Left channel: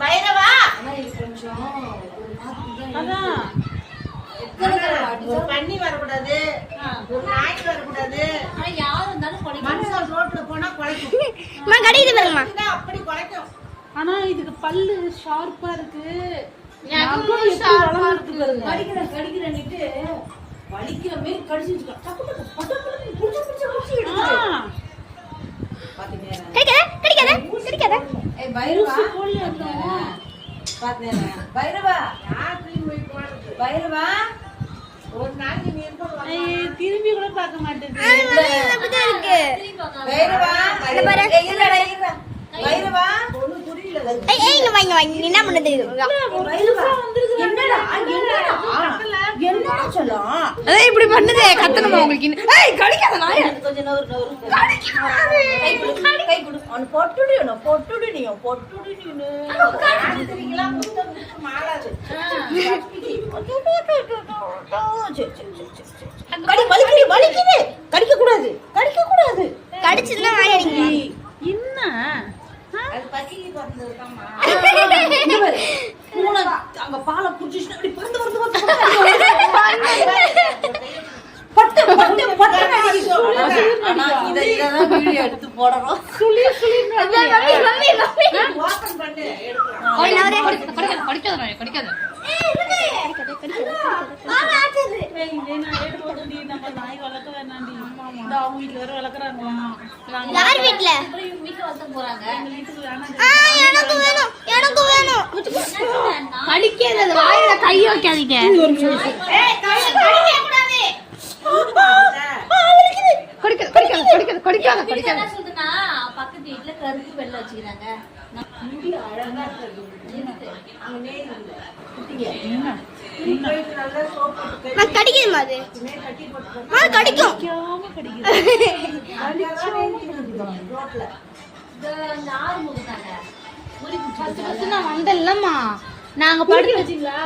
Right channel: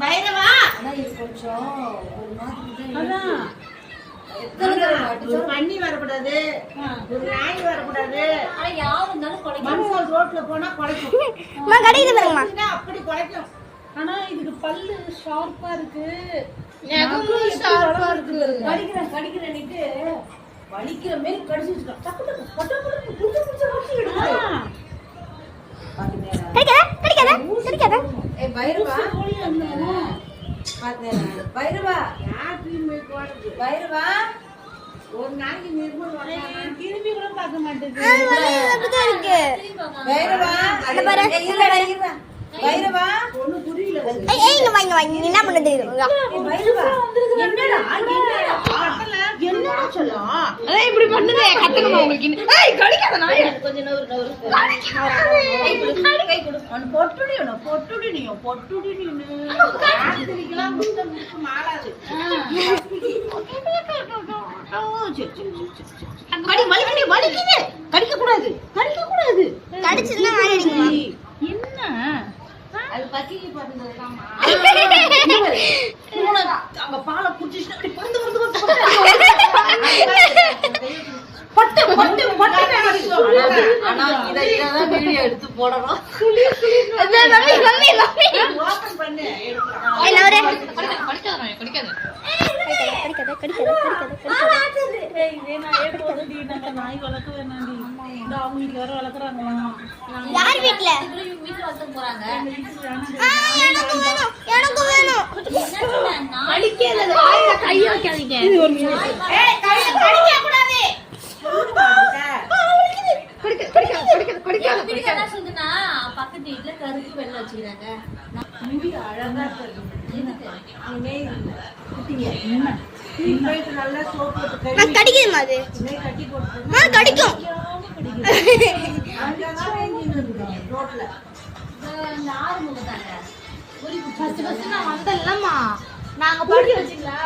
பைரவா பண்ணி வரக்கூடாது, ஒரு நாய் வரக்கூடாது. மனுஷன் ரோட்ல போனா குலைக்கும், அப்படி குலைக்கும். ஆனா இதுக்கு பல்லு ஷார்ப்பா இருக்கு, கடிக்கிறன்னுட்டு வலிக்கிற மாதிரி கடிச்சு பைரவா ஒரு நாளைக்கு திரும்பி கூட பார்க்க மாட்டேங்குது. பைரவா ஒண்ணு புரியல. என்ன பண்ணது என்ன சொல்லலாம் இப்படி பண்ணுதே கத்தணுமா உங்களுக்கு? கடிக்க கூடாது, கடிக்க கூடாது. கடிச்சுன்னா என்ன அது பக்கி அங்க பாலை குடிச்சுட்டு அப்படி பறந்து வந்து பட்டு பட்டு பட்டு. ஆனா இதெல்லாம் வீடியோ எடுத்து போடணும். ஓபன் பண்ணு, கடிக்காத. நாய் வளர்க்க வேணாண்டி, அவங்க வீட்டுல வேற வளர்க்குறாங்களா? யார் வீட்டுல? போறாங்க. எனக்கும் வேணும். அடிக்காத, வாயில கை வைக்காதீங்க. பக்கத்து வீட்டுல கருப்பு வெள்ளை வச்சுக்கிறாங்க. அழகா கடிக்குமா? அது கடிக்கும். ரோட்ல வந்தல்லம்மா நாங்க படுத்து வச்சுங்களா?